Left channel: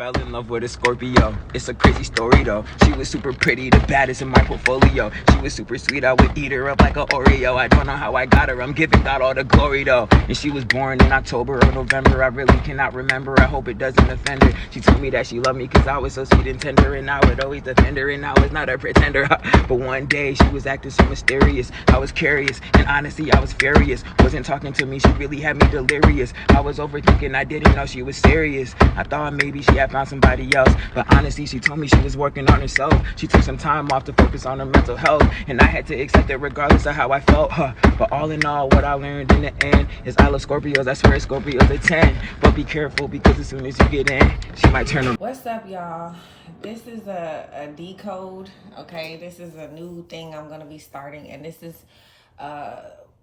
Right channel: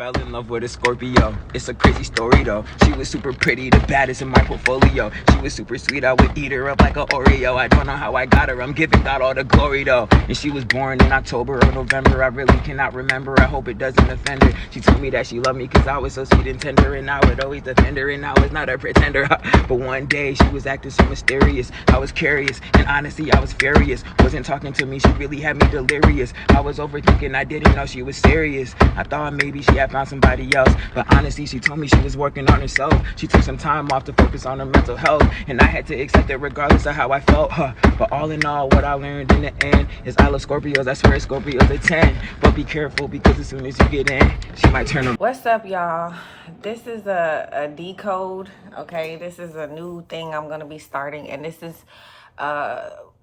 fell in love with a Scorpio. It's a crazy story though. She was super pretty, the baddest in my portfolio. She was super sweet, I would eat her up like an Oreo. I don't know how I got her, I'm giving God all the glory though. And she was born in October or November, I really cannot remember. I hope it doesn't offend her. She told me that she loved me cause I was so sweet and tender, and I would always defend her, and I was not a pretender. But one day she was acting so mysterious. I was curious, and honestly I was furious. Wasn't talking to me, she really had me delirious. I was overthinking, I didn't know she was serious. I thought maybe she had found somebody else, but honestly she told me she was working on herself. She took some time off to focus on her mental health, and I had to accept it regardless of how I felt. But all in all, what I learned in the end is I love Scorpios. I swear Scorpios are 10. But be careful, because as soon as you get in, she might turn around. What's up, y'all? This is a decode, okay? This is a new thing I'm gonna be starting, and this is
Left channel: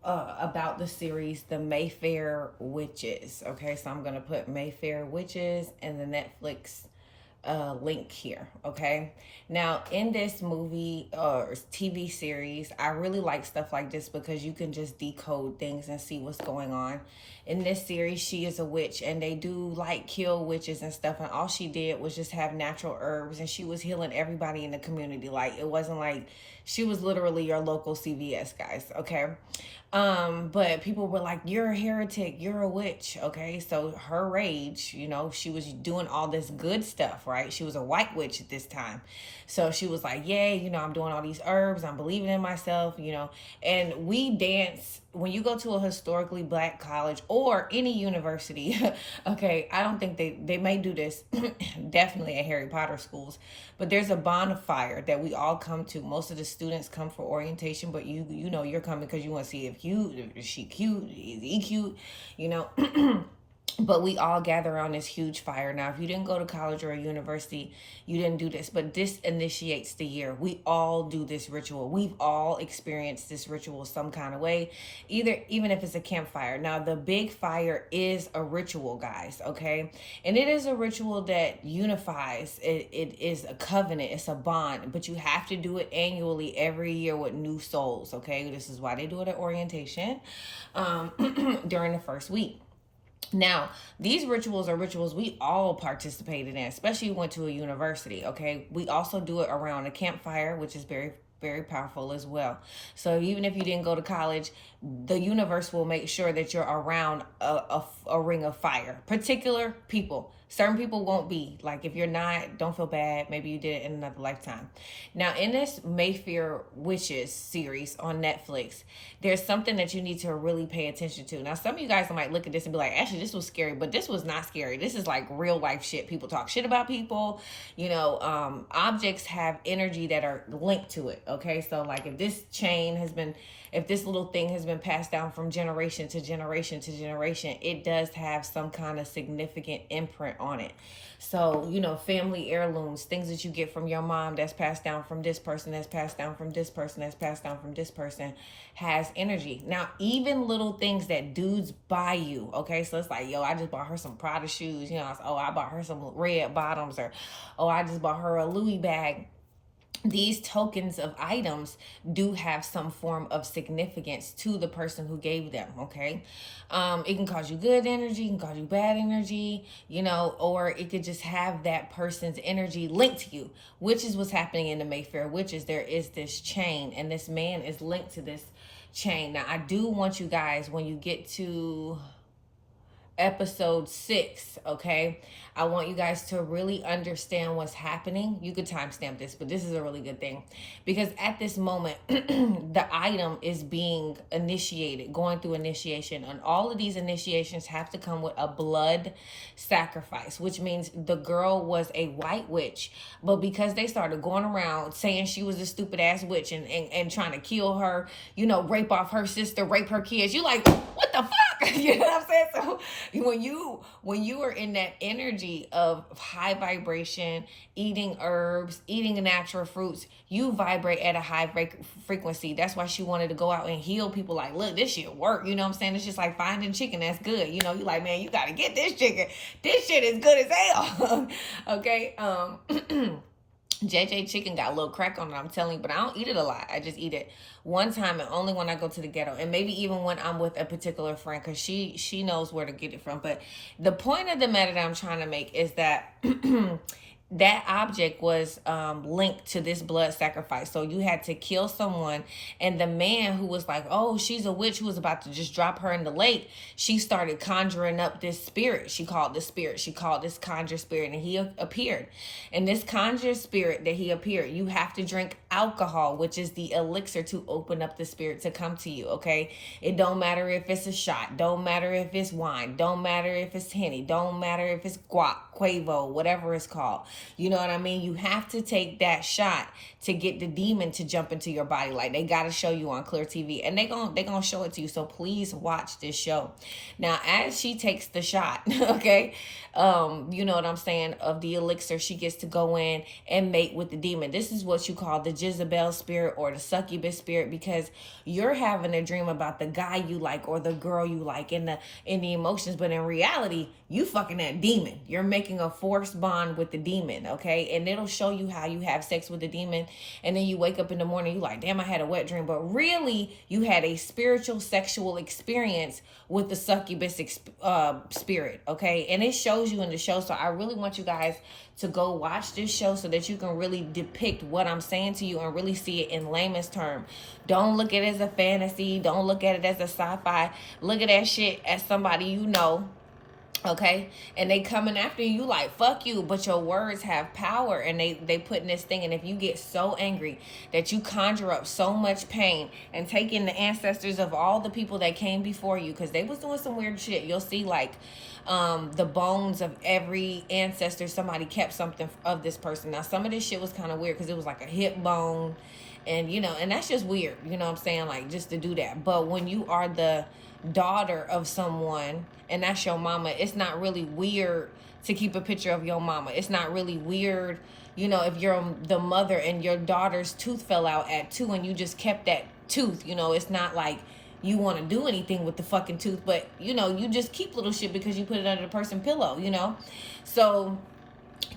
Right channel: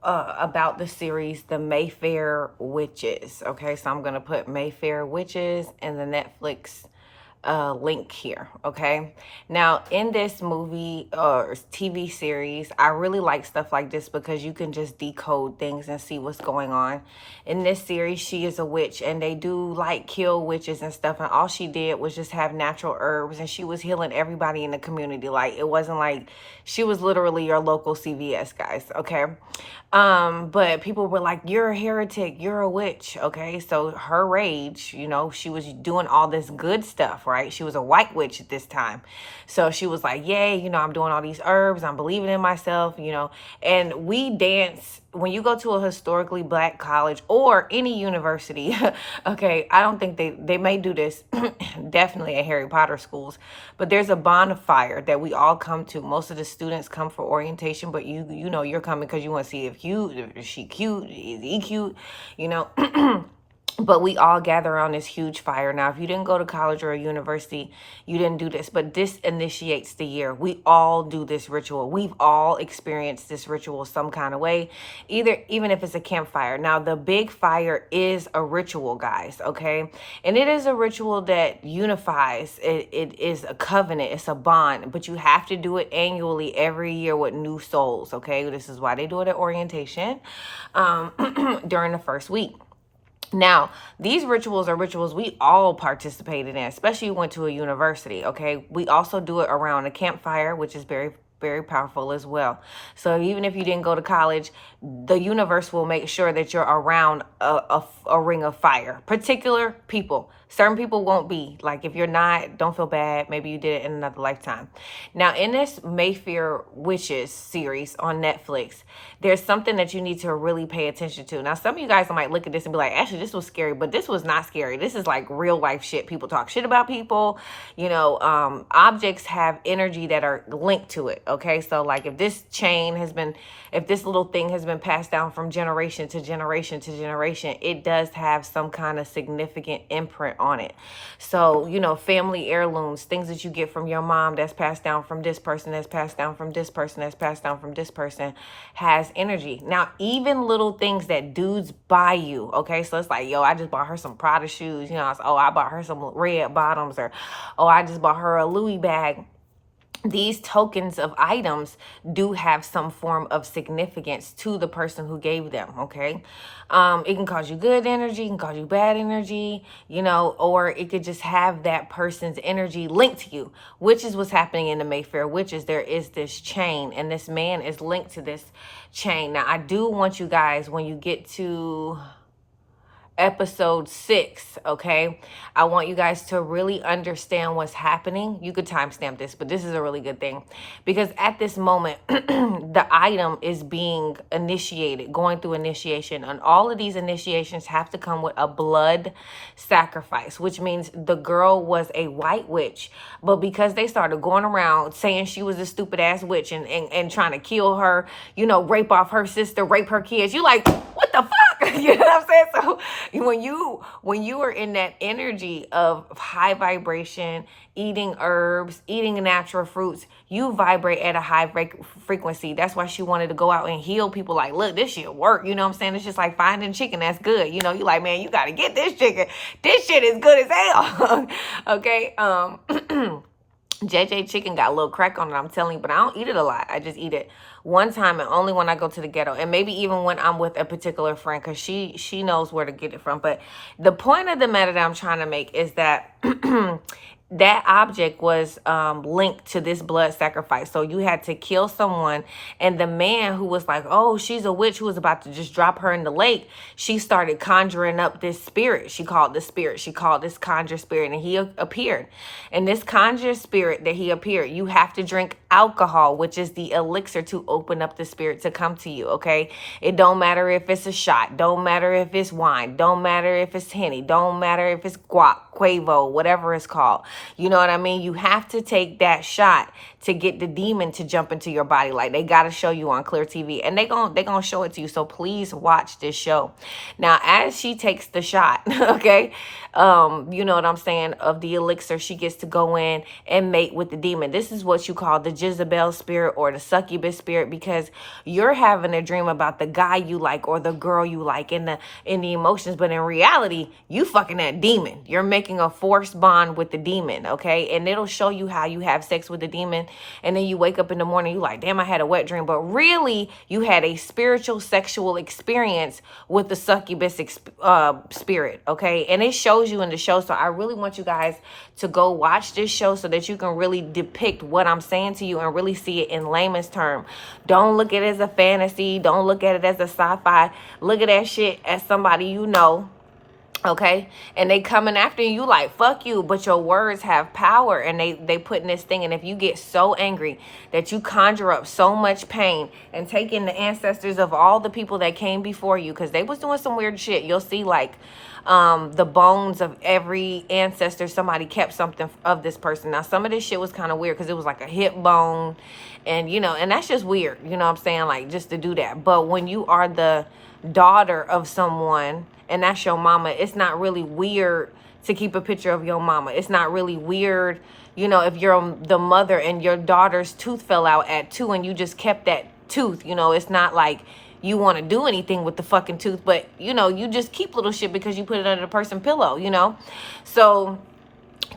about the series The Mayfair Witches, okay? So I'm gonna put Mayfair Witches in the Netflix link here, okay? Now, in this movie or TV series, I really like stuff like this because you can just decode things and see what's going on. In this series, she is a witch, and they do like kill witches and stuff, and all she did was just have natural herbs, and she was healing everybody in the community. Like, it wasn't like she was literally your local CVS, guys, okay? But people were like, you're a heretic, you're a witch, okay? So her rage, you know, she was doing all this good stuff, right? She was a white witch at this time. So she was like, yay, you know, I'm doing all these herbs, I'm believing in myself, you know. And we dance, when you go to a historically black college or any university, okay, I don't think they may do this, definitely at Harry Potter schools, but there's a bonfire that we all come to. Most of the students come for orientation, but you know, you're coming because you want to see if she cute, is he cute, you know. But we all gather around this huge fire. Now, if you didn't go to college or a university, you didn't do this, but this initiates the year. We all do this ritual. We've all experienced this ritual some kind of way, even if it's a campfire. Now, the big fire is a ritual, guys, okay? And it is a ritual that unifies. It is a covenant. It's a bond, but you have to do it annually every year with new souls, okay? This is why they do it at orientation during the first week. Now, these rituals are rituals we all participated in, especially went to a university, okay? We also do it around a campfire, which is very, very powerful as well. So even if you didn't go to college, the universe will make sure that you're around a ring of fire. Particular people. Certain people won't be. Like, if you're not, don't feel bad. Maybe you did it in another lifetime. Now, in this Mayfair Witches series on Netflix, there's something that you need to really pay attention to. Now, some of you guys might look at this and be like, actually, this was scary, but this was not scary. This is like real life shit. People talk shit about people. You know, objects have energy that are linked to it, okay? So, like, if this little thing has been passed down from generation to generation to generation, it does have some kind of significant imprint on it. So, you know, family heirlooms, things that you get from your mom that's passed down from this person, that's passed down from this person, that's passed down from this person, has energy. Now, even little things that dudes buy you, okay? So it's like, yo, I just bought her some Prada shoes, you know, I bought her some red bottoms, or, oh, I just bought her a Louis bag. These tokens of items do have some form of significance to the person who gave them, okay? It can cause you good energy, it can cause you bad energy, you know, or it could just have that person's energy linked to you, which is what's happening in the Mayfair Witches. There is this chain, and this man is linked to this chain. Now, I do want you guys, when you get to episode 6, okay, I want you guys to really understand what's happening. You could timestamp this, but this is a really good thing, because at this moment the item is being initiated, going through initiation, and all of these initiations have to come with a blood sacrifice, which means the girl was a white witch, but because they started going around saying she was a stupid ass witch and trying to kill her, you know, rape off her sister, rape her kids, you like, what the fuck? You know what I'm saying? So when you are in that energy of high vibration, eating herbs, eating natural fruits, you vibrate at a high frequency. That's why she wanted to go out and heal people. Like, look, this shit work. You know what I'm saying? It's just like finding chicken that's good. You know, you like, man, you got to get this chicken. This shit is good as hell. Okay. JJ chicken got a little crack on it, I'm telling you, but I don't eat it a lot. I just eat it one time and only when I go to the ghetto, and maybe even when I'm with a particular friend, because she knows where to get it from. But the point of the matter that I'm trying to make is that that object was linked to this blood sacrifice. So you had to kill someone, and the man who was like, oh, she's a witch, who was about to just drop her in the lake, she started conjuring up this spirit. She called this conjure spirit, and he appeared. And this conjure spirit that he appeared, you have to drink alcohol, which is the elixir to open up the spirit to come to you, okay? It don't matter if it's a shot, don't matter if it's wine, don't matter if it's Henny, don't matter if it's guac, Quavo, whatever it's called. You know what I mean? You have to take that shot to get the demon to jump into your body. Like, they got to show you on Clear TV, and they gonna show it to you. So please watch this show. Now, as she takes the shot, okay, you know what I'm saying, of the elixir, she gets to go in and mate with the demon. This is what you call the Jezebel spirit or the succubus spirit, because you're having a dream about the guy you like or the girl you like in the emotions, but in reality, you fucking that demon. You're making a forced bond with the demon, okay? And it'll show you how you have sex with the demon, and then you wake up in the morning, you like, damn, I had a wet dream, but really you had a spiritual sexual experience with the succubus spirit, okay? And it shows you in the show. So I really want you guys to go watch this show so that you can really depict what I'm saying to you and really see it in layman's term. Don't look at it as a fantasy. Don't look at it as a sci-fi. Look at that shit as somebody you know, okay? And they coming after you like, fuck you, but your words have power, and they put in this thing. And if you get so angry that you conjure up so much pain and take in the ancestors of all the people that came before you, because they was doing some weird shit. You'll see like the bones of every ancestor, somebody kept something of this person. Now, some of this shit was kind of weird because it was like a hip bone, and you know, and that's just weird, you know what I'm saying, like just to do that. But when you are the daughter of someone and that's your mama, it's not really weird to keep a picture of your mama. It's not really weird, you know, if you're the mother and your daughter's tooth fell out at 2 and you just kept that tooth, you know. It's not like you want to do anything with the fucking tooth, but you know, you just keep little shit because you put it under the person's pillow, you know. So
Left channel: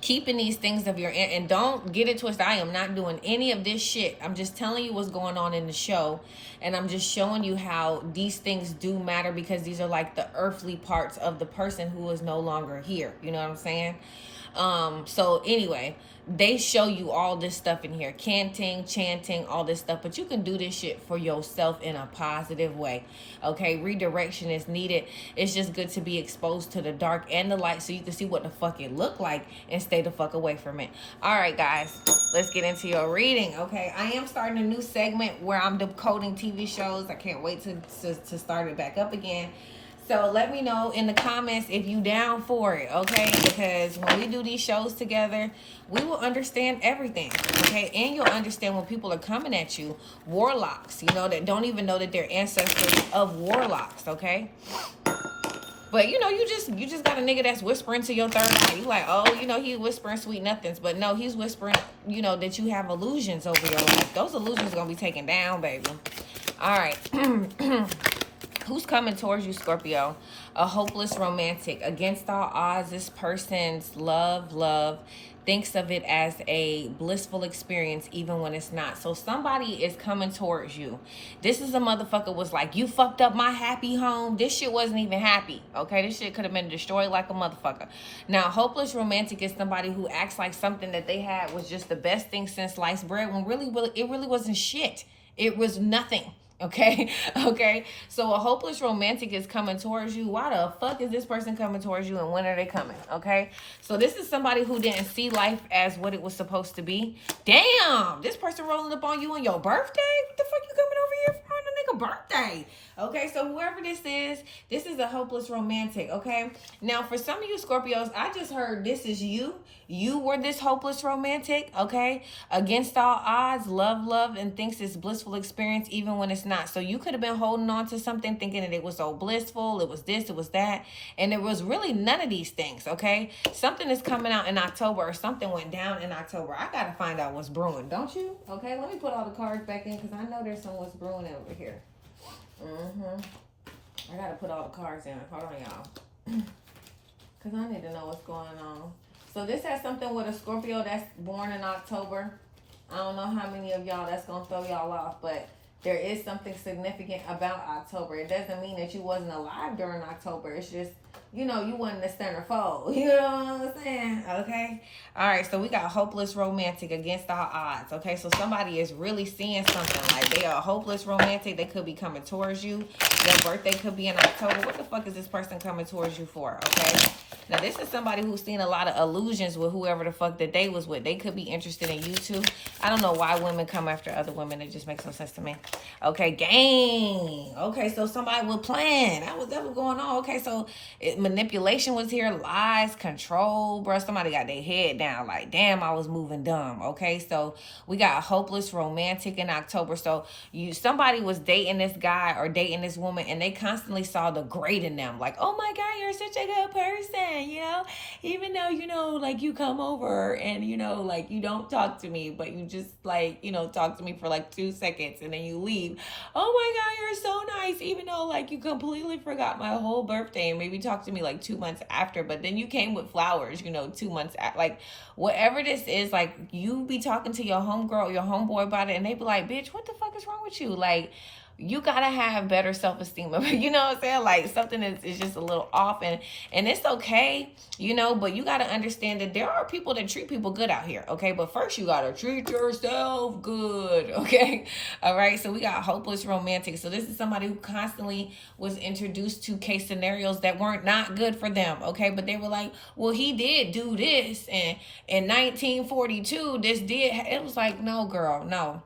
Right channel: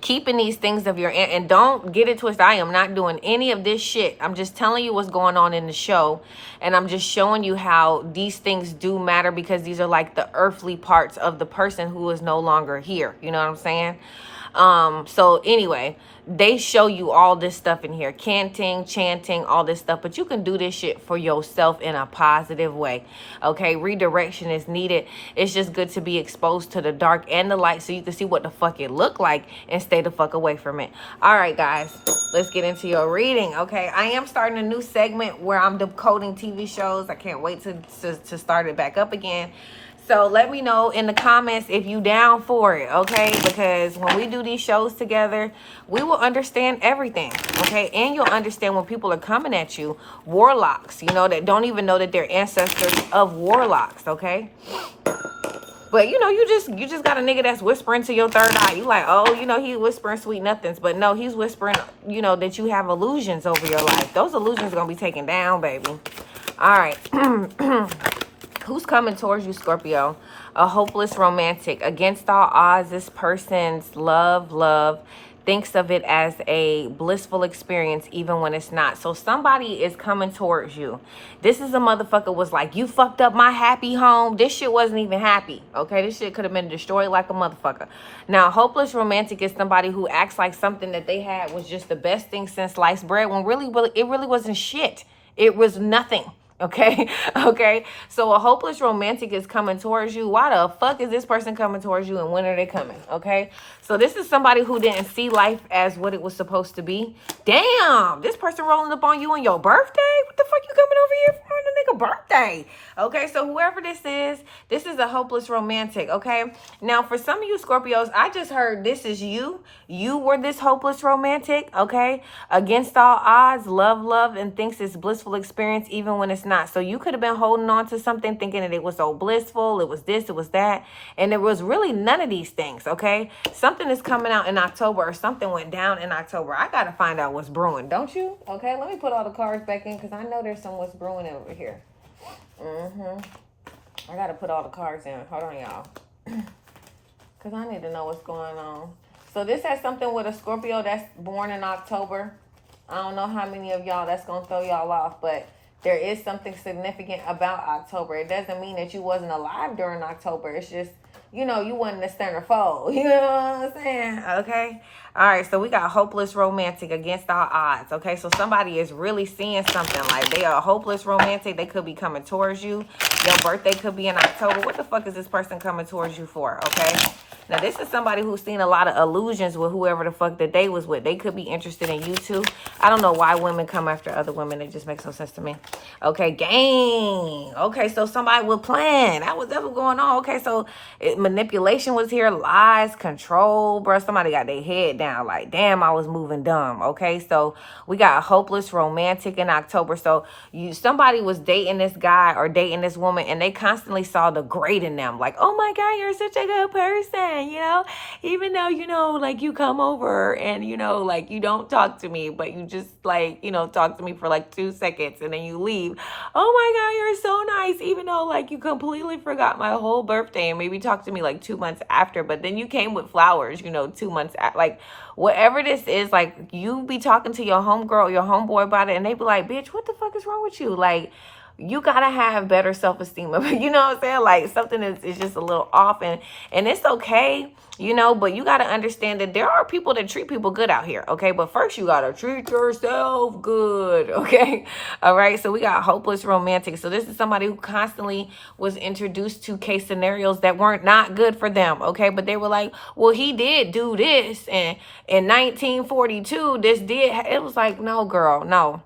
keeping these things of your aunt, and don't get it twisted, I am not doing any of this shit. I'm just telling you what's going on in the show, and I'm just showing you how these things do matter, because these are like the earthly parts of the person who is no longer here, you know what I'm saying? So anyway, they show you all this stuff in here, canting, chanting, all this stuff, but you can do this shit for yourself in a positive way, okay? Redirection is needed. It's just good to be exposed to the dark and the light so you can see what the fuck it look like and stay the fuck away from it. All right, guys, let's get into your reading, okay? I am starting a new segment where I'm decoding TV shows. I can't wait to start it back up again. So let me know in the comments if you down for it, okay? Because when we do these shows together, we will understand everything, okay? And you'll understand when people are coming at you, warlocks, you know, that don't even know that they're ancestors of warlocks, okay? But, you know, you just got a nigga that's whispering to your third eye. You like, oh, you know, he whispering sweet nothings. But no, he's whispering, you know, that you have illusions over your life. Those illusions going to be taken down, baby. All right. Who's coming towards you, Scorpio? A hopeless romantic. Against all odds, this person's love thinks of it as a blissful experience even when it's not. So somebody is coming towards you. This is a motherfucker was like, you fucked up my happy home. This shit wasn't even happy, okay? This shit could have been destroyed like a motherfucker. Now, hopeless romantic is somebody who acts like something that they had was just the best thing since sliced bread, when really it really wasn't shit. It was nothing. Okay. Okay. So a hopeless romantic is coming towards you. Why the fuck is this person coming towards you, and when are they coming? Okay. So this is somebody who didn't see life as what it was supposed to be. Damn, this person rolling up on you on your birthday? What the fuck you coming over here for on the nigga birthday? Okay, so whoever this is a hopeless romantic, okay? Now, for some of you Scorpios, I just heard this is you. You were this hopeless romantic, okay? Against all odds, love, and thinks it's blissful experience even when it's not. So you could have been holding on to something thinking that it was so blissful, it was this, it was that, and it was really none of these things, okay? Something is coming out in October, or something went down in October. I got to find out what's brewing, don't you? Okay, let me put all the cards back in because I know there's some what's brewing over here. I gotta put all the cards in. Hold on, y'all. Because I need to know what's going on. So this has something with a Scorpio that's born in October. I don't know how many of y'all that's going to throw y'all off, but there is something significant about October. It doesn't mean that you wasn't alive during October. It's just, you know, you wasn't the centerfold. You know what I'm saying? Okay. All right. So we got hopeless romantic against all odds. Okay. So somebody is really seeing something. Like they are hopeless romantic. They could be coming towards you. Your birthday could be in October. What the fuck is this person coming towards you for? Okay. Now, this is somebody who's seen a lot of illusions with whoever the fuck that they was with. They could be interested in you too. I don't know why women come after other women. It just makes no sense to me. Okay, gang. Okay, so somebody would plan. That was ever going on. Okay, so manipulation was here. Lies, control, bro. Somebody got their head down. Like, damn, I was moving dumb. Okay, so we got hopeless romantic in October. So somebody was dating this guy or dating this woman, and they constantly saw the great in them. Like, oh my God, you're such a good person. You know, even though, you know, like you come over and, you know, like you don't talk to me, but you just like, you know, talk to me for like 2 seconds and then you leave. Oh my God, you're so nice. Even though like you completely forgot my whole birthday and maybe talked to me like 2 months after, but then you came with flowers, you know, 2 months after, like whatever this is, like you be talking to your homegirl, your homeboy about it and they be like, bitch, what the fuck is wrong with you? Like, you gotta have better self-esteem. You know what I'm saying? Like something is just a little off and it's okay, you know, but you gotta understand that there are people that treat people good out here, okay? But first you gotta treat yourself good, okay? All right, so we got hopeless romantic. So this is somebody who constantly was introduced to case scenarios that weren't not good for them, okay? But they were like, well, he did do this and in 1942, this did, it was like, no, girl, no.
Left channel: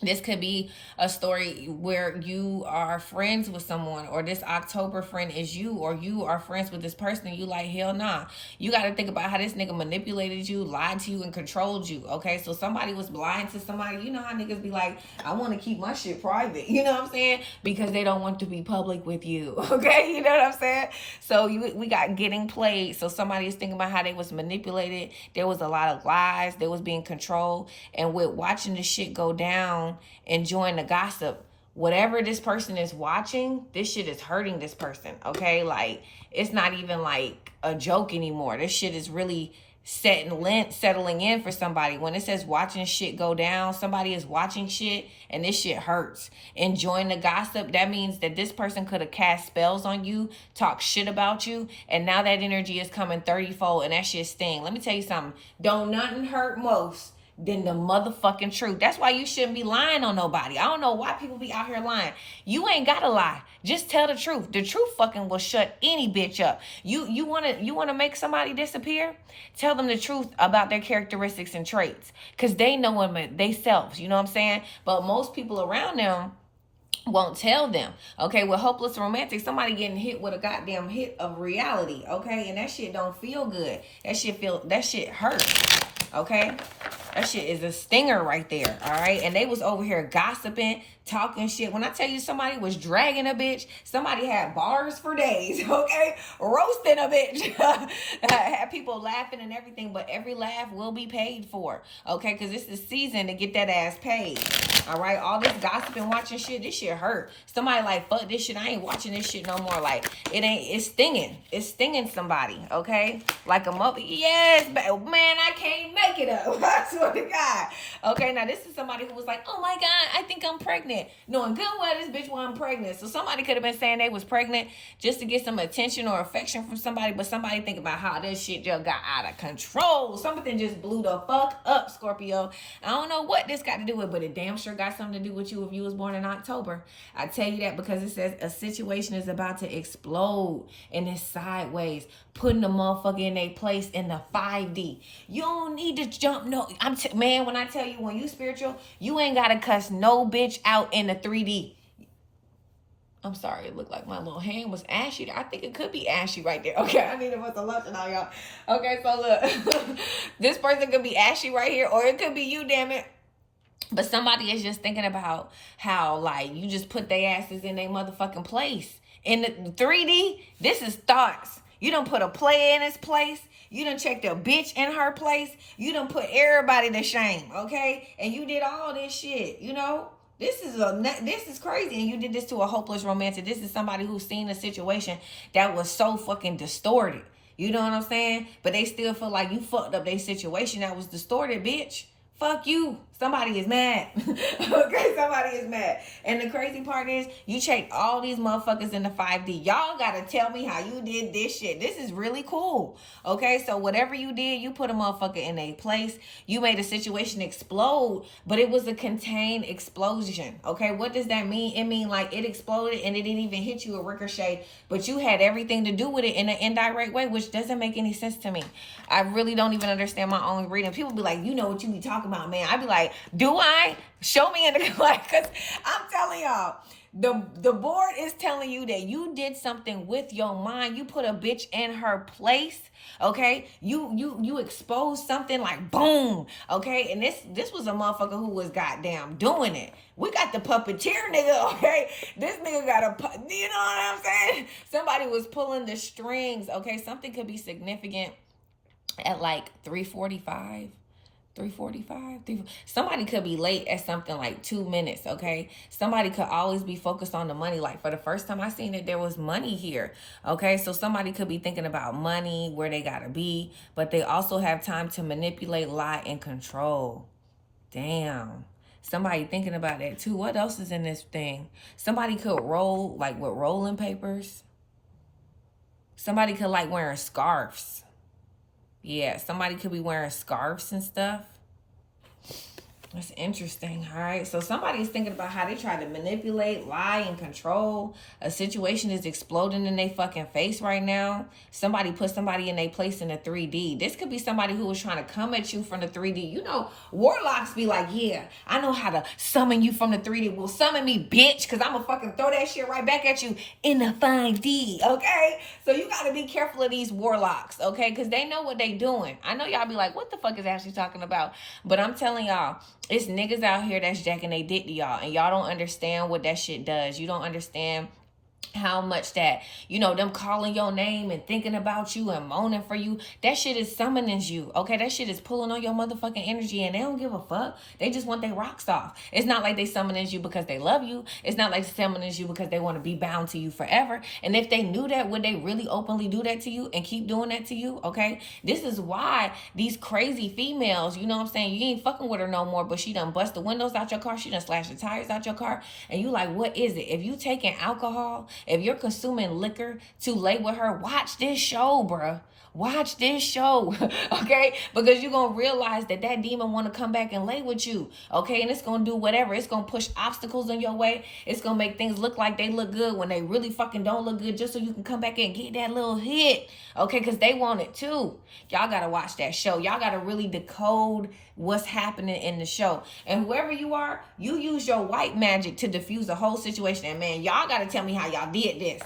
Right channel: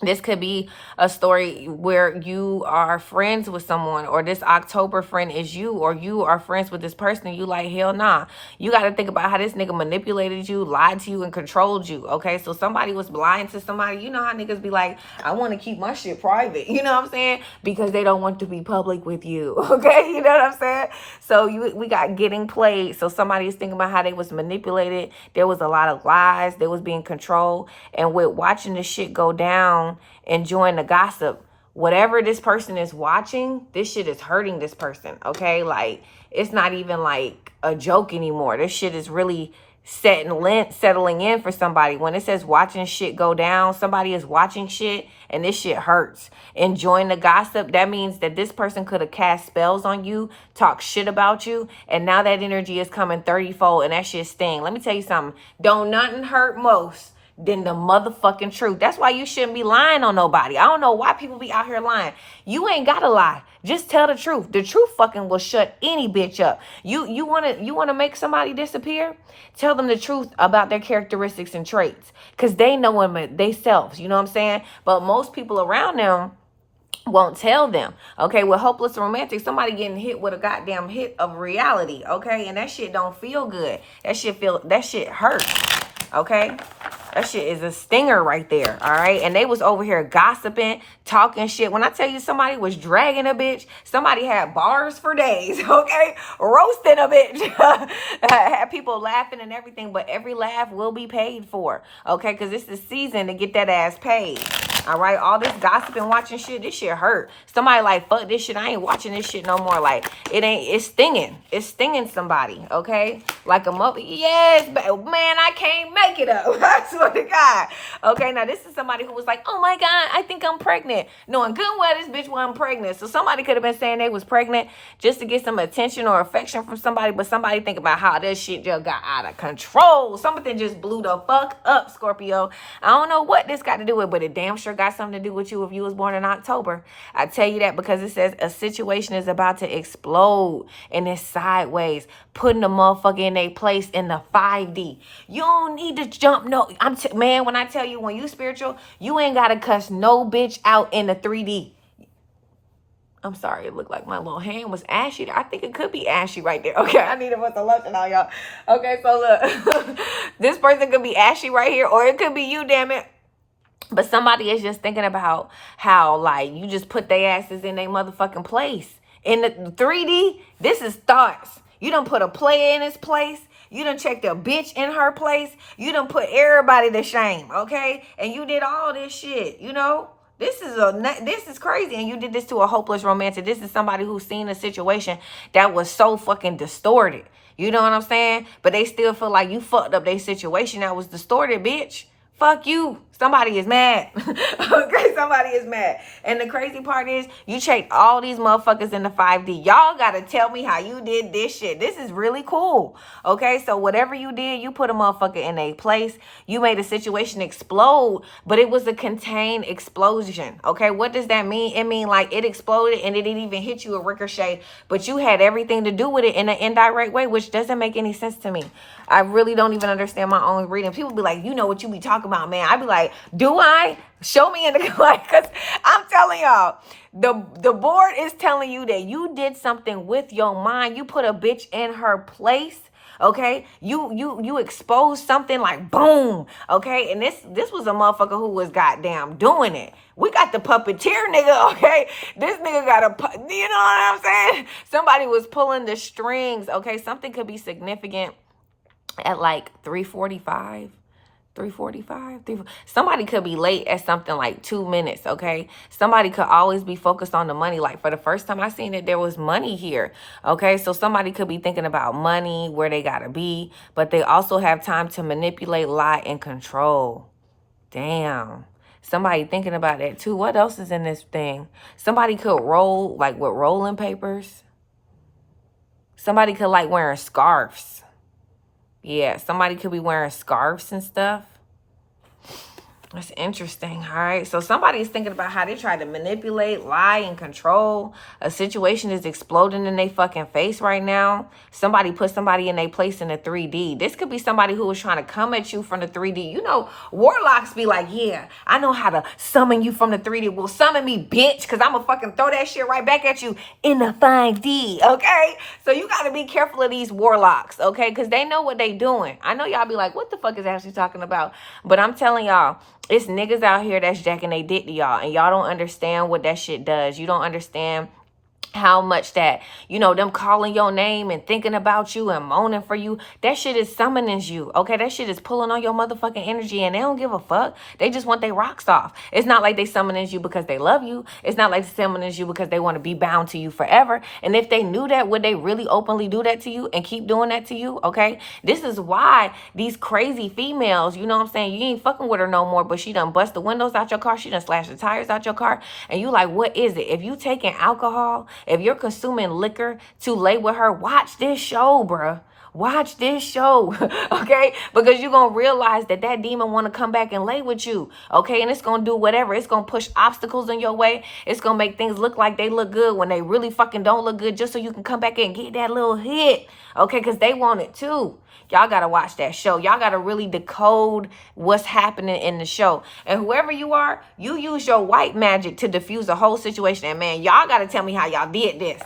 This could be a story where you are friends with someone or this October friend is you or you are friends with this person and you like, hell nah. You got to think about how this nigga manipulated you, lied to you, and controlled you, okay? So somebody was blind to somebody. You know how niggas be like, I want to keep my shit private. You know what I'm saying? Because they don't want to be public with you, okay? You know what I'm saying? So we got getting played. So somebody is thinking about how they was manipulated. There was a lot of lies. They was being controlled. And with watching this shit go down, enjoying the gossip, whatever this person is watching, this shit is hurting this person, okay? Like, it's not even like a joke anymore. This shit is really settling in for somebody. When it says watching shit go down, somebody is watching shit and this shit hurts. Enjoying the gossip, that means that this person could have cast spells on you, talk shit about you, and now that energy is coming 30-fold and that shit sting. Let me tell you something. Don't nothing hurt most than the motherfucking truth. That's why you shouldn't be lying on nobody. I don't know why people be out here lying. You ain't gotta lie. Just tell the truth. The truth fucking will shut any bitch up. You wanna make somebody disappear? Tell them the truth about their characteristics and traits. Cause they know them themselves. You know what I'm saying? But most people around them won't tell them. Okay, with hopeless romantic, somebody getting hit with a goddamn hit of reality. Okay, and that shit don't feel good. That shit hurts. Okay, that shit is a stinger right there. All right, and they was over here gossiping, talking shit. When I tell you somebody was dragging a bitch, somebody had bars for days. Okay, roasting a bitch. Had people laughing and everything, but every laugh will be paid for. Okay, because it's the season to get that ass paid. All right, all this gossiping, watching shit, this shit hurt. Somebody like, fuck this shit, I ain't watching this shit no more. Like, it's stinging. It's stinging somebody, okay? Like a mother, yes, man, I can't make it up. I swear to God. Okay, now this is somebody who was like, oh my God, I think I'm pregnant. Knowing good well this bitch wasn't pregnant. So somebody could have been saying they was pregnant just to get some attention or affection from somebody, but somebody think about how this shit just got out of control. Something just blew the fuck up, Scorpio. I don't know what this got to do with, but it damn sure got something to do with you if you was born in October. I tell you that because it says a situation is about to explode and it's sideways, putting the motherfucker in their place in the 5D. You don't need to jump. No, man, when I tell you, when you spiritual, you ain't got to cuss no bitch out in the 3D. I'm sorry, it looked like my little hand was ashy. I think it could be ashy right there. Okay, I need to put the lotion on, y'all. Okay, so look, this person could be ashy right here, or it could be you, damn it. But somebody is just thinking about how, like, you just put their asses in their motherfucking place. In the 3D, this is thoughts. You done put a player in his place. You done checked a bitch in her place. You done put everybody to shame, okay? And you did all this shit, you know? This is crazy. And you did this to a hopeless romantic. This is somebody who's seen a situation that was so fucking distorted. You know what I'm saying? But they still feel like you fucked up their situation that was distorted, bitch. Fuck you. Somebody is mad. Okay, somebody is mad. And the crazy part is, you checked all these motherfuckers in the 5D. Y'all gotta tell me how you did this shit. This is really cool. Okay, so whatever you did, you put a motherfucker in a place. You made a situation explode, but it was a contained explosion. Okay, what does that mean? It mean like it exploded and it didn't even hit you a ricochet, but you had everything to do with it in an indirect way, which doesn't make any sense to me. I really don't even understand my own reading. People be like, you know what you be talking about, man. I be like, do I? Show me in the like, because I'm telling y'all, the board is telling you that you did something with your mind. You put a bitch in her place. Okay, you exposed something like boom. Okay, and this was a motherfucker who was goddamn doing it. We got the puppeteer nigga. Okay, this nigga got you know what I'm saying? Somebody was pulling the strings. Okay, something could be significant at like 3:45. 3:45. Somebody could be late at something like 2 minutes, okay? Somebody could always be focused on the money. Like for the first time I seen it, there was money here, okay? So somebody could be thinking about money, where they gotta be, but they also have time to manipulate, lie, and control. Damn. Somebody thinking about that too. What else is in this thing? Somebody could roll, like with rolling papers. Somebody could like wearing scarves. Yeah, somebody could be wearing scarves and stuff. That's interesting, all right? So somebody's thinking about how they try to manipulate, lie, and control. A situation is exploding in their fucking face right now. Somebody put somebody in their place in the 3D. This could be somebody who was trying to come at you from the 3D. You know, warlocks be like, yeah, I know how to summon you from the 3D. Well, summon me, bitch, because I'm going to fucking throw that shit right back at you in the 5D, okay? So you got to be careful of these warlocks, okay? Because they know what they doing. I know y'all be like, what the fuck is Ashley talking about? But I'm telling y'all, it's niggas out here that's jacking they dick to y'all, and y'all don't understand what that shit does. You don't understand how much that, you know, them calling your name and thinking about you and moaning for you, that shit is summoning you, okay? That shit is pulling on your motherfucking energy, and they don't give a fuck. They just want their rocks off. It's not like they summoning you because they love you. It's not like they summoning you because they want to be bound to you forever. And if they knew that, would they really openly do that to you and keep doing that to you, okay? This is why these crazy females, you know what I'm saying, you ain't fucking with her no more, but she done bust the windows out your car, she done slashed the tires out your car, and you like, what is it? If you taking alcohol, if you're consuming liquor to lay with her, watch this show, bruh. Watch this show, okay? Because you're going to realize that that demon want to come back and lay with you, okay? And it's going to do whatever. It's going to push obstacles in your way. It's going to make things look like they look good when they really fucking don't look good, just so you can come back and get that little hit, okay? Because they want it too. Y'all got to watch that show. Y'all got to really decode what's happening in the show. And whoever you are, you use your white magic to diffuse the whole situation. And man, y'all got to tell me how y'all did this.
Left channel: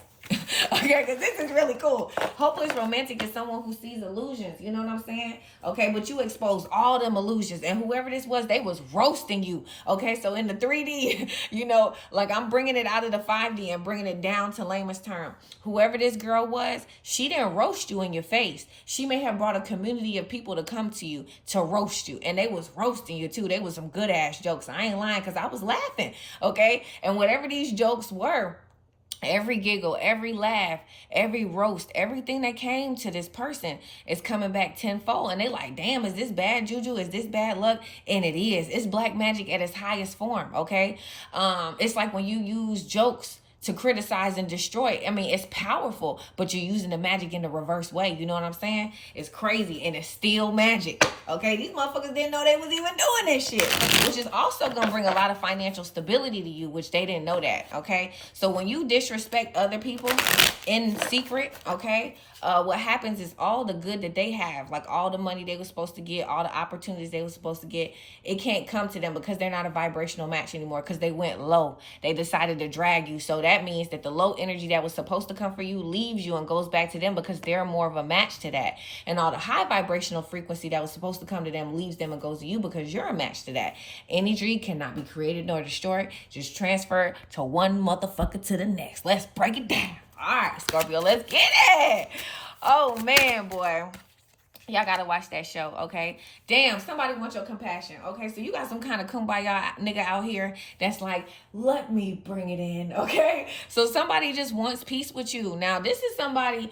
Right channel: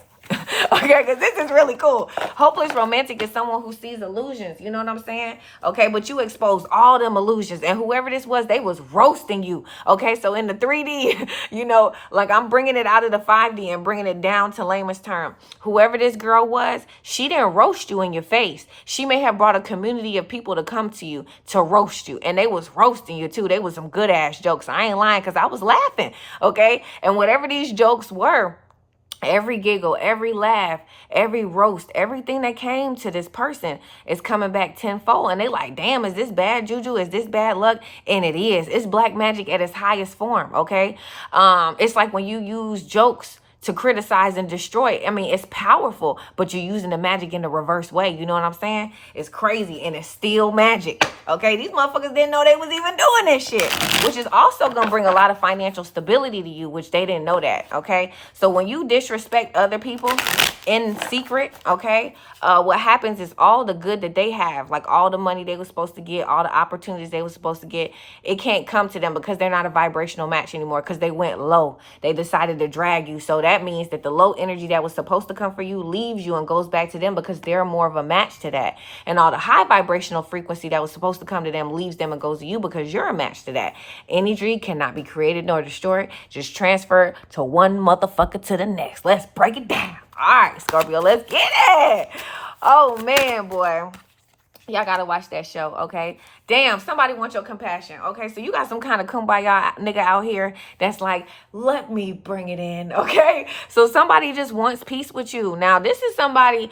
Okay, because this is really cool. Hopeless romantic is someone who sees illusions. You know what I'm saying? Okay, but you exposed all them illusions. And whoever this was, they was roasting you. Okay, so in the 3D, you know, like I'm bringing it out of the 5D and bringing it down to layman's term. Whoever this girl was, she didn't roast you in your face. She may have brought a community of people to come to you to roast you. And they was roasting you too. They was some good ass jokes. I ain't lying because I was laughing. Okay, and whatever these jokes were, every giggle, every laugh, every roast, everything that came to this person is coming back tenfold. And they like, damn, is this bad juju? Is this bad luck? And it is. It's black magic at its highest form, okay? It's like when you use jokes to criticize and destroy. I mean, it's powerful, but you're using the magic in the reverse way. You know what I'm saying? It's crazy, and it's still magic. Okay, these motherfuckers didn't know they was even doing this shit, which is also gonna bring a lot of financial stability to you, which they didn't know that. Okay, so when you disrespect other people in secret, okay, what happens is all the good that they have, like all the money they were supposed to get, all the opportunities they were supposed to get, it can't come to them because they're not a vibrational match anymore, because they went low. They decided to drag you. So that means that the low energy that was supposed to come for you leaves you and goes back to them because they're more of a match to that. And all the high vibrational frequency that was supposed to come to them leaves them and goes to you because you're a match to that. Energy cannot be created nor destroyed, just transferred to one motherfucker to the next. Let's break it down. All right, Scorpio, let's get it. Oh, man, boy. Y'all gotta watch that show, okay? Damn, somebody wants your compassion, okay? So you got some kind of kumbaya nigga out here that's like, let me bring it in, okay? So somebody just wants peace with you. Now, this is somebody,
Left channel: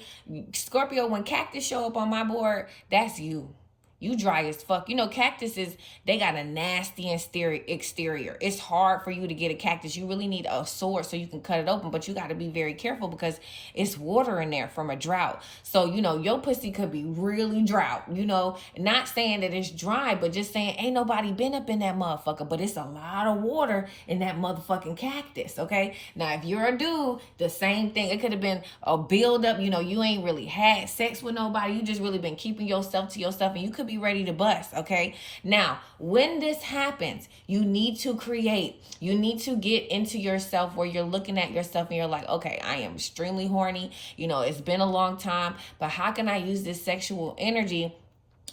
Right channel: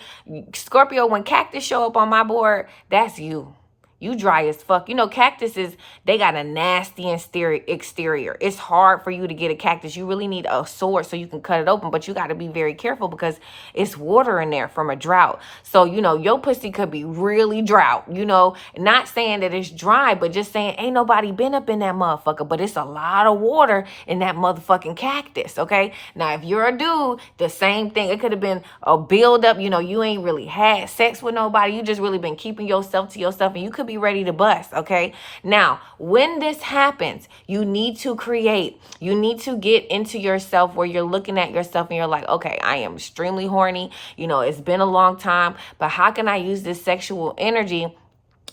Scorpio, when cactus show up on my board, that's you. You dry as fuck. You know, cactuses, they got a nasty exterior. It's hard for you to get a cactus. You really need a sword so you can cut it open, but you got to be very careful because it's water in there from a drought. So, you know, your pussy could be really drought, you know, not saying that it's dry, but just saying ain't nobody been up in that motherfucker, but it's a lot of water in that motherfucking cactus, okay? Now, if you're a dude, the same thing. It could have been a buildup, you know, you ain't really had sex with nobody. You just really been keeping yourself to yourself, and you could be ready to bust, okay? Now, when this happens, you need to create. You need to get into yourself where you're looking at yourself and you're like, okay, I am extremely horny. You know, it's been a long time, but how can I use this sexual energy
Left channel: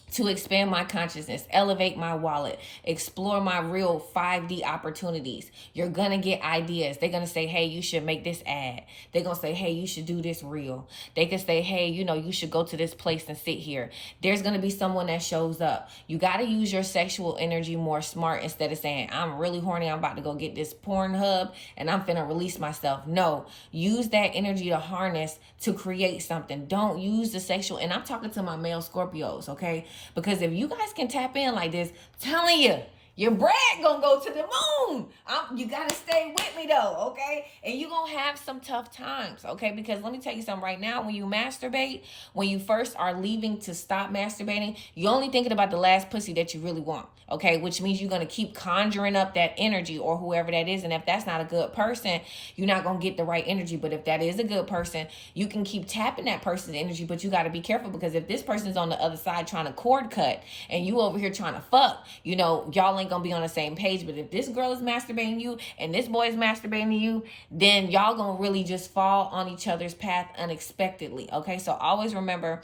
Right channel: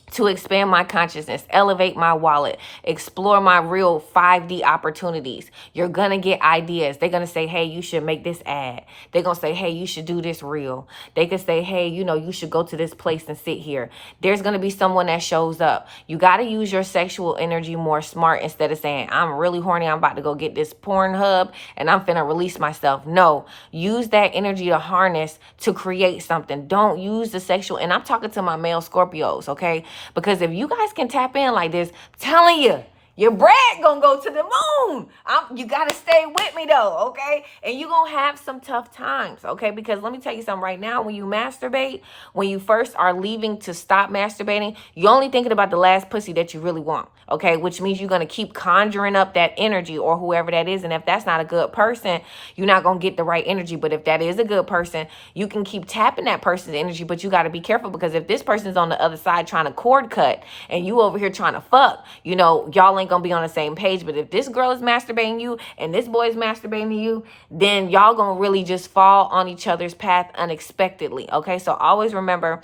to expand my consciousness, elevate my wallet, explore my real 5D opportunities? You're going to get ideas. They're going to say, hey, you should make this ad. They're going to say, hey, you should do this reel. They could say, hey, you know, you should go to this place and sit here. There's going to be someone that shows up. You got to use your sexual energy more smart instead of saying, I'm really horny. I'm about to go get this porn hub and I'm finna release myself. No, use that energy to harness to create something. Don't use the sexual. And I'm talking to my male Scorpios, okay? Because if you guys can tap in like this, I'm telling you, your bread gonna go to the moon. You gotta stay with me though, okay? And you gonna have some tough times, okay? Because let me tell you something right now, when you masturbate, when you first are leaving to stop masturbating, you're only thinking about the last pussy that you really want, okay? Which means you're gonna keep conjuring up that energy or whoever that is. And if that's not a good person, you're not gonna get the right energy. But if that is a good person, you can keep tapping that person's energy, but you gotta be careful because if this person's on the other side trying to cord cut and you over here trying to fuck, you know, y'all ain't gonna be on the same page. But if this girl is masturbating you and this boy is masturbating you, then y'all gonna really just fall on each other's path unexpectedly, okay? So always remember,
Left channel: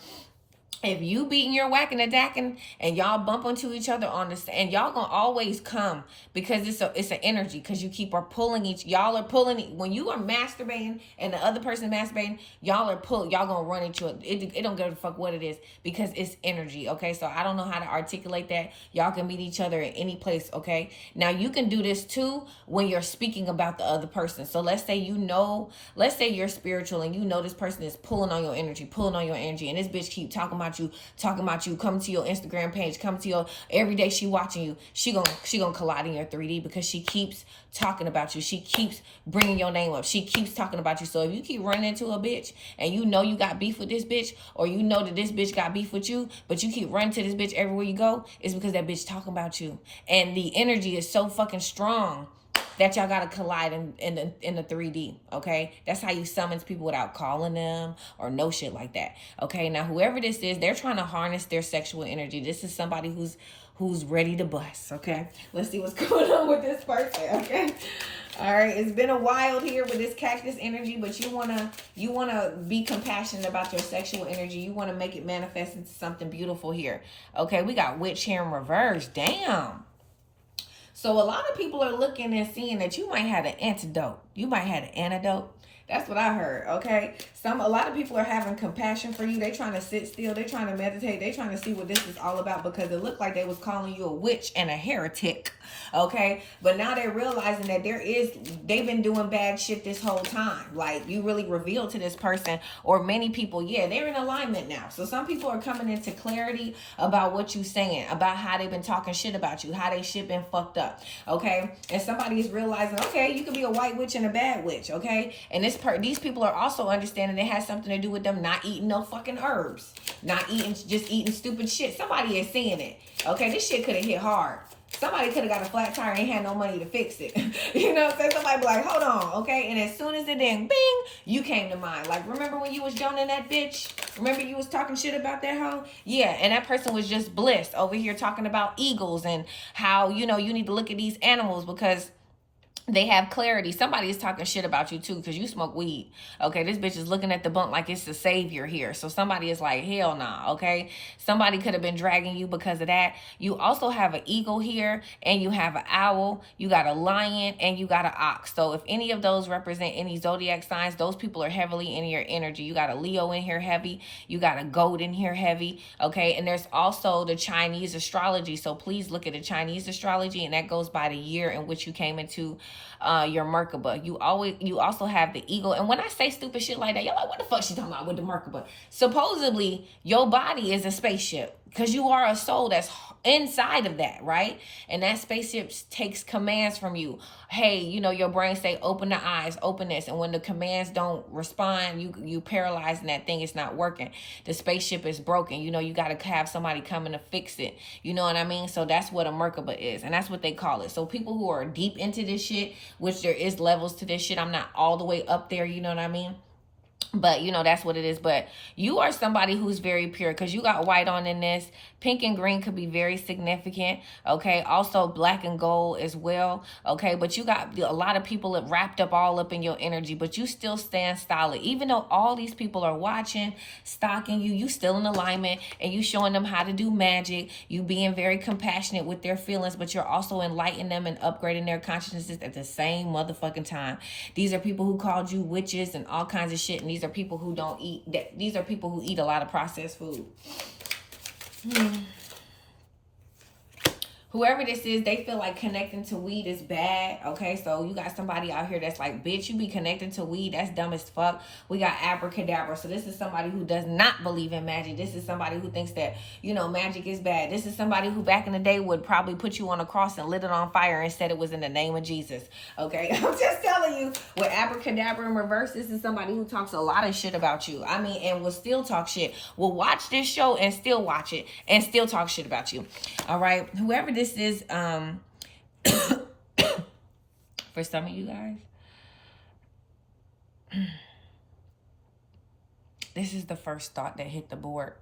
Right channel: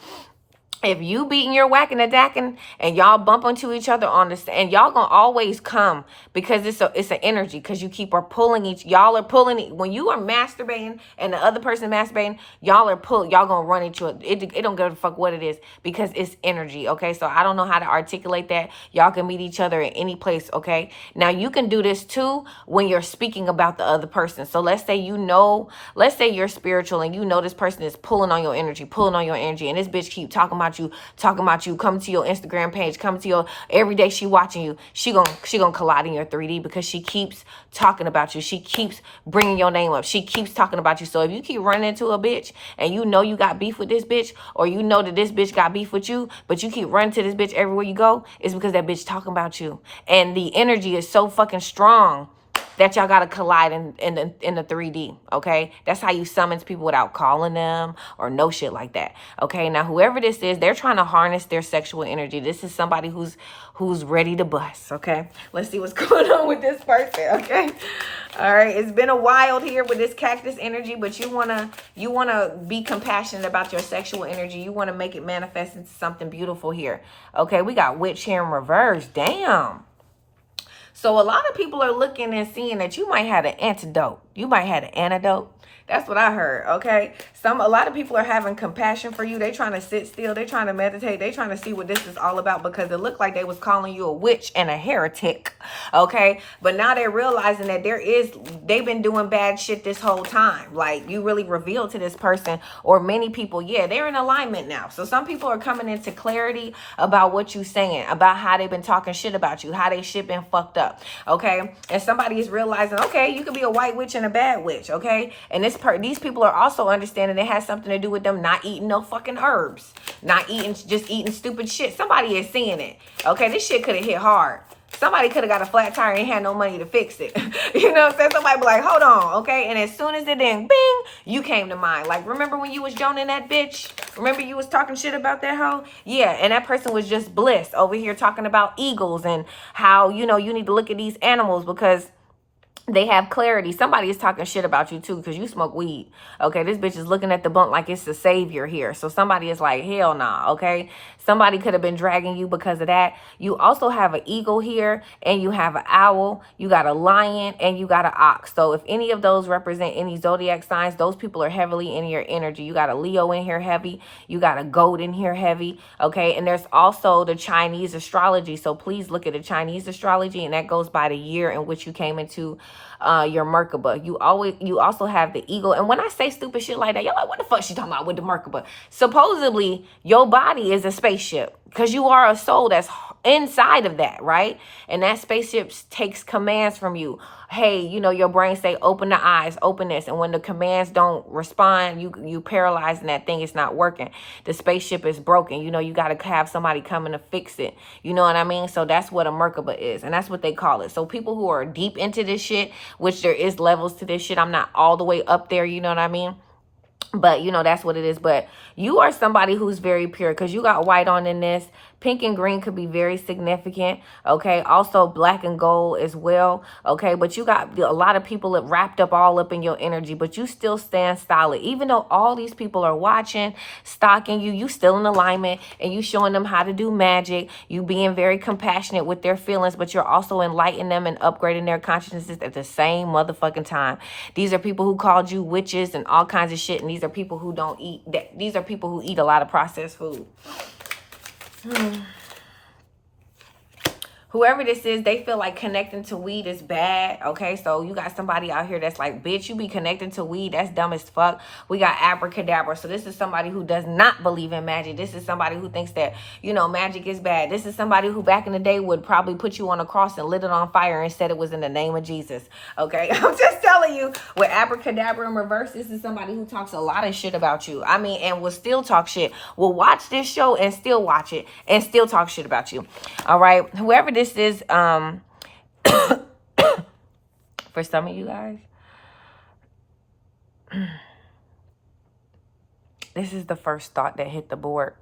if you beating your whacking and dacking and y'all bump into each other on this, and y'all gonna always come because it's an energy, because you keep pulling y'all are pulling when you are masturbating and the other person masturbating, y'all gonna run into it don't give a fuck what it is because it's energy, okay? So I don't know how to articulate that. Y'all can meet each other in any place, okay? Now you can do this too when you're speaking about the other person. So let's say you're spiritual and you know this person is pulling on your energy, and this bitch keep talking about you, come to your Instagram page, come to your every day she watching you, she gonna collide in your 3D because she keeps talking about you. She keeps bringing your name up. She keeps talking about you. So if you keep running into a bitch and you know you got beef with this bitch, or you know that this bitch got beef with you, but you keep running to this bitch everywhere you go, it's because that bitch talking about you. And the energy is so fucking strong that y'all gotta collide in the 3D, okay? That's how you summons people without calling them or no shit like that, okay? Now, whoever this is, they're trying to harness their sexual energy. This is somebody who's ready to bust, okay? Let's see what's going on with this person, okay? All right, it's been a while here with this cactus energy, but you wanna be compassionate about your sexual energy. You wanna make it manifest into something beautiful here, okay? We got witch here in reverse, damn. So a lot of people are looking and seeing that you might have an antidote. You might have an antidote. That's what I heard, okay? A lot of people are having compassion for you. They trying to sit still. They trying to meditate. They trying to see what this is all about because it looked like they was calling you a witch and a heretic, okay? But now they're realizing that they've been doing bad shit this whole time. Like, you really revealed to this person, or many people, yeah, they're in alignment now. So some people are coming into clarity about what you're saying, about how they've been talking shit about you, how they shit been fucked up, okay? And somebody is realizing, okay, you could be a white witch and a bad witch, okay? And these people are also understanding it has something to do with them not eating no fucking herbs, just eating stupid shit. Somebody is seeing it, okay? This shit could have hit hard. Somebody could have got a flat tire and had no money to fix it. You know what I'm saying? Somebody be like, hold on, okay? And as soon as it did, bing, you came to mind. Like, remember when you was joning that bitch? Remember you was talking shit about that hoe? Yeah, and that person was just bliss over here talking about eagles and how, you know, you need to look at these animals because They have clarity. Somebody is talking shit about you too because you smoke weed. Okay, this bitch is looking at the blunt like it's the savior here. So somebody is like, hell nah, okay? Somebody could have been dragging you because of that. You also have an eagle here, and you have an owl. You got a lion, and you got an ox. So if any of those represent any zodiac signs, those people are heavily in your energy. You got a Leo in here heavy. You got a goat in here heavy, okay? And there's also the Chinese astrology. So please look at the Chinese astrology, and that goes by the year in which you came into your Merkaba. You also have the eagle. And when I say stupid shit like that, y'all like, what the fuck she talking about with the Merkaba? Supposedly, your body is a spaceship because you are a soul that's inside of that, right? And that spaceship takes commands from you. Hey, you know, your brain say, open the eyes, open this. And when the commands don't respond, you paralyze and that thing is not working. The spaceship is broken. You know, you got to have somebody coming to fix it. You know what I mean? So that's what a Merkaba is. And that's what they call it. So people who are deep into this shit, which there is levels to this shit. I'm not all the way up there. You know what I mean? But, you know, that's what it is. But you are somebody who's very pure because you got white on in this. Pink and green could be very significant, okay? Also, black and gold as well, okay? But you got a lot of people that wrapped up all up in your energy, but you still stand solid. Even though all these people are watching, stalking you, you still in alignment, and you showing them how to do magic. You being very compassionate with their feelings, but you're also enlightening them and upgrading their consciousnses at the same motherfucking time. These are people who called you witches and all kinds of shit, and these are people who don't eat that. These are people who eat a lot of processed food. Whoever this is, they feel like connecting to weed is bad, okay? So you got somebody out here that's like, bitch, you be connecting to weed. That's dumb as fuck. We got abracadabra. So this is somebody who does not believe in magic. This is somebody who thinks that, you know, magic is bad. This is somebody who back in the day would probably put you on a cross and lit it on fire and said it was in the name of Jesus, okay? I'm just telling you, with abracadabra in reverse, this is somebody who talks a lot of shit about you. I mean, and will still talk shit. Will watch this show and still watch it and still talk shit about you, all right? Whoever this is, for some of you guys, this is the first thought that hit the board.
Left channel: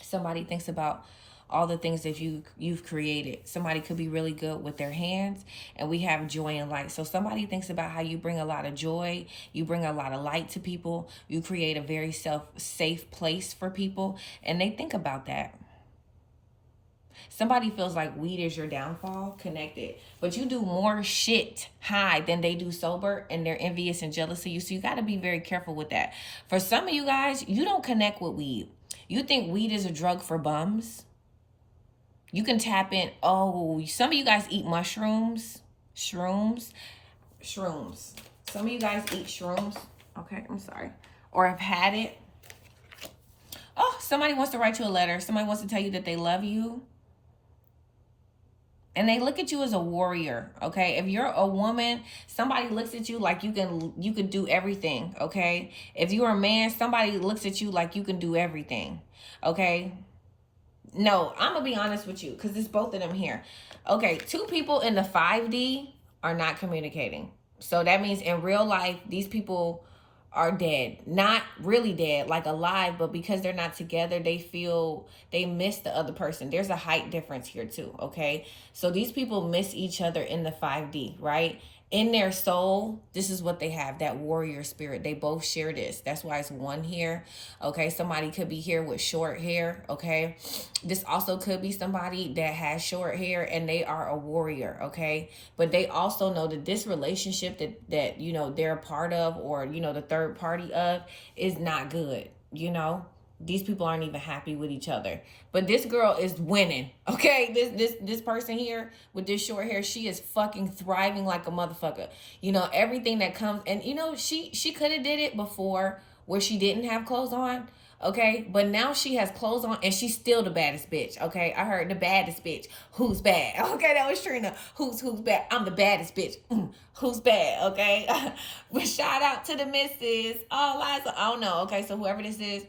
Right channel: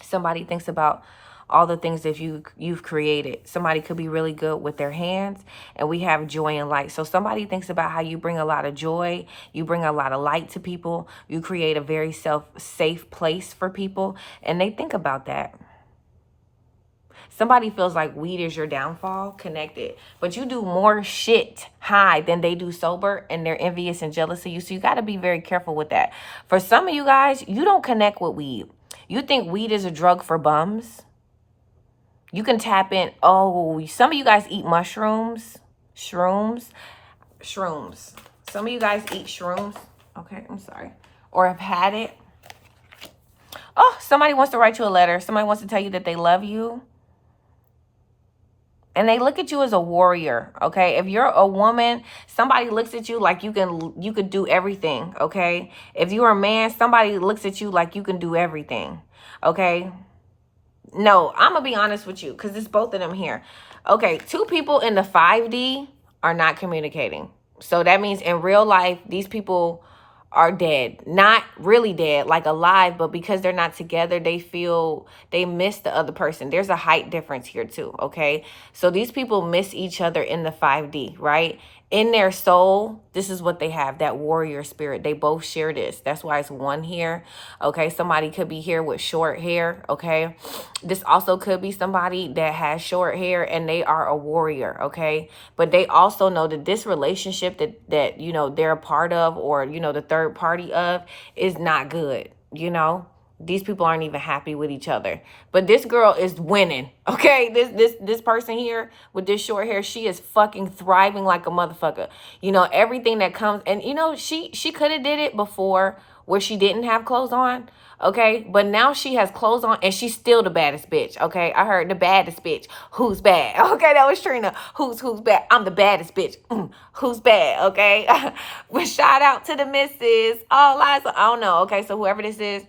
Somebody thinks about all the things that you've created. Somebody could be really good with their hands, and we have joy and light. So somebody thinks about how you bring a lot of joy, you bring a lot of light to people, you create a very safe place for people, and they think about that. Somebody feels like weed is your downfall, connected. But you do more shit high than they do sober, and they're envious and jealous of you. So you got to be very careful with that. For some of you guys, you don't connect with weed. You think weed is a drug for bums. You can tap in. Oh, some of you guys eat mushrooms. Shrooms. Some of you guys eat shrooms. Okay, I'm sorry. Or have had it. Oh, somebody wants to write you a letter. Somebody wants to tell you that they love you. And they look at you as a warrior, okay? If you're a woman, somebody looks at you like you could do everything, okay? If you're a man, somebody looks at you like you can do everything, okay? No, I'm going to be honest with you because it's both of them here. Okay, two people in the 5D are not communicating. So that means in real life, these people are dead. Not really dead, like alive, but because they're not together, they feel they miss the other person. There's a height difference here too, okay? So these people miss each other in the 5D, right? In their soul, this is what they have, that warrior spirit. They both share this. That's why it's one here, okay? Somebody could be here with short hair, okay? This also could be somebody that has short hair and they are a warrior, okay? But they also know that this relationship that you know, they're a part of, or, you know, the third party of, is not good, you know? These people aren't even happy with each other. But this girl is winning, okay? This person here with this short hair, she is fucking thriving like a motherfucker. You know, everything that comes, and you know, she could have did it before where she didn't have clothes on, okay? But now she has clothes on and she's still the baddest bitch, okay? I heard the baddest bitch. Who's bad? Okay, that was Trina. Who's bad? I'm the baddest bitch. Who's bad, okay? But shout out to the missus. All lies, I don't know, okay? So whoever this is,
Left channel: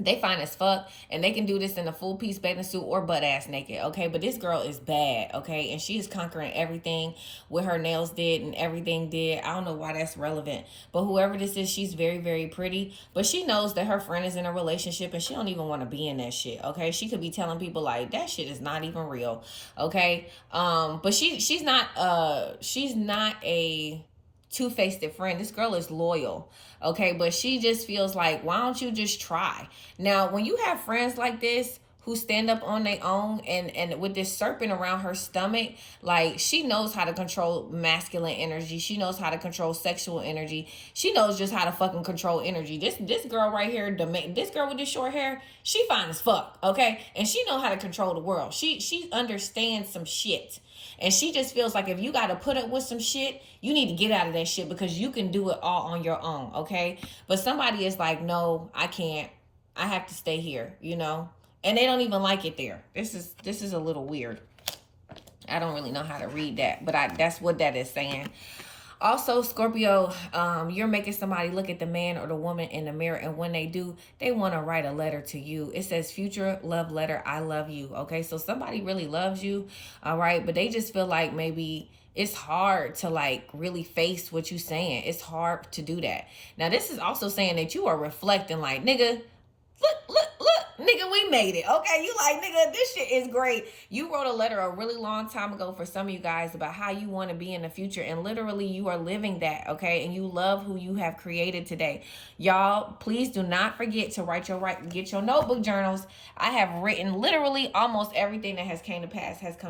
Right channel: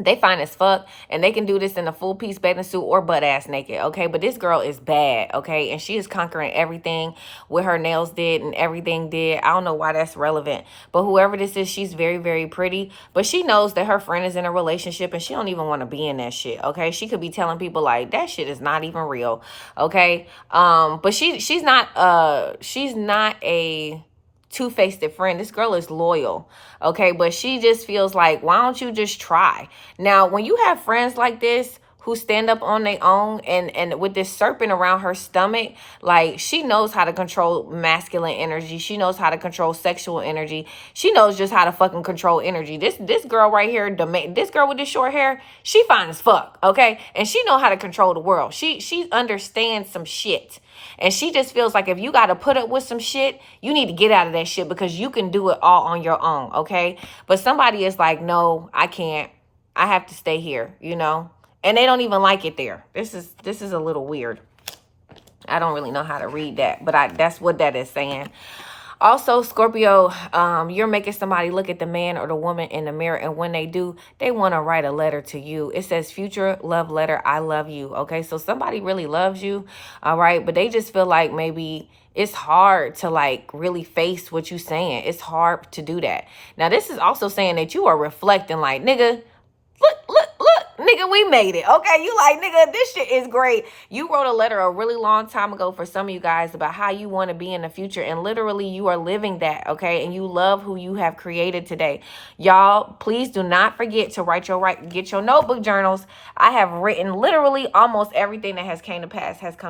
They fine as fuck, and they can do this in a full piece bathing suit or butt ass naked, okay? But this girl is bad, okay? And she is conquering everything with her nails did and everything did. I don't know why that's relevant, but whoever this is, she's very, very pretty. But she knows that her friend is in a relationship, and she don't even want to be in that shit, okay? She could be telling people like that shit is not even real, okay? But she's not a two-faced friend. This girl is loyal, okay? But she just feels like, why don't you just try? Now, when you have friends like this who stand up on their own, and with this serpent around her stomach, like, she knows how to control masculine energy. She knows how to control sexual energy. She knows just how to fucking control energy. This girl right here, this girl with this short hair, she fine as fuck, okay? And she know how to control the world. She understands some shit. And she just feels like if you got to put up with some shit, you need to get out of that shit because you can do it all on your own, okay? But somebody is like, no, I can't. I have to stay here, you know? And they don't even like it there. This is a little weird. I don't really know how to read that, but that's what that is saying. Also, Scorpio, you're making somebody look at the man or the woman in the mirror, and when they do, they want to write a letter to you. It says, future love letter, I love you, okay? So somebody really loves you, all right? But they just feel like maybe it's hard to, like, really face what you're saying. It's hard to do that. Now, this is also saying that you are reflecting like, nigga, look, nigga, we made it, okay? You like, nigga, this shit is great. You wrote a letter a really long time ago for some of you guys about how you want to be in the future, and literally you are living that, okay? And you love who you have created today. Y'all, please do not forget to get your notebook journals. I have written literally almost everything that has come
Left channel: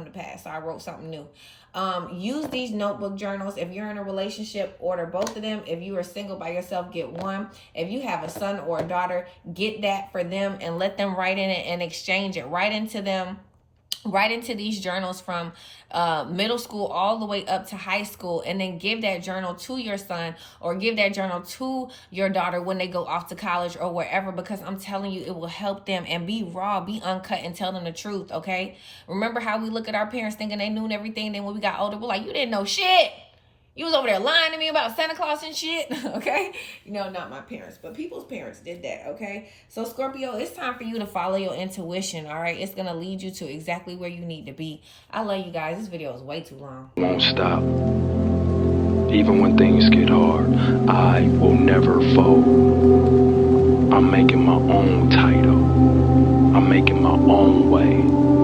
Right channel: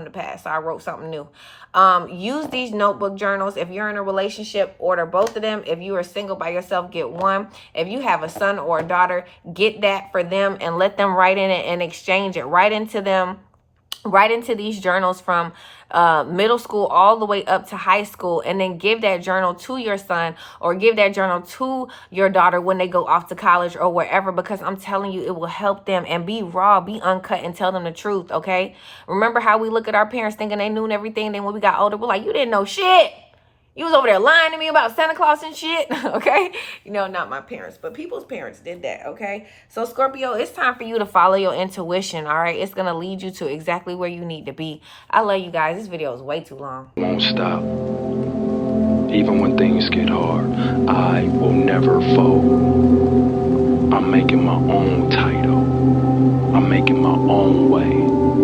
to pass. So I wrote something new. Use these notebook journals. If you're in a relationship, order both of them. If you are single by yourself, get one. If you have a son or a daughter, get that for them and let them write in it and exchange it right into these journals from middle school all the way up to high school, and then give that journal to your son or give that journal to your daughter when they go off to college or wherever, because I'm telling you, it will help them. And be raw, be uncut, and tell them the truth, okay? Remember how we look at our parents thinking they knew everything, then when we got older, we're like, you didn't know shit. You was over there lying to me about Santa Claus and shit, okay? You know, not my parents, but people's parents did that, okay? So, Scorpio, it's time for you to follow your intuition, all right? It's going to lead you to exactly where you need to be. I love you guys. This video is way too long. Won't stop. Even when things get hard, I will never fold. I'm making my own title. I'm making my own way.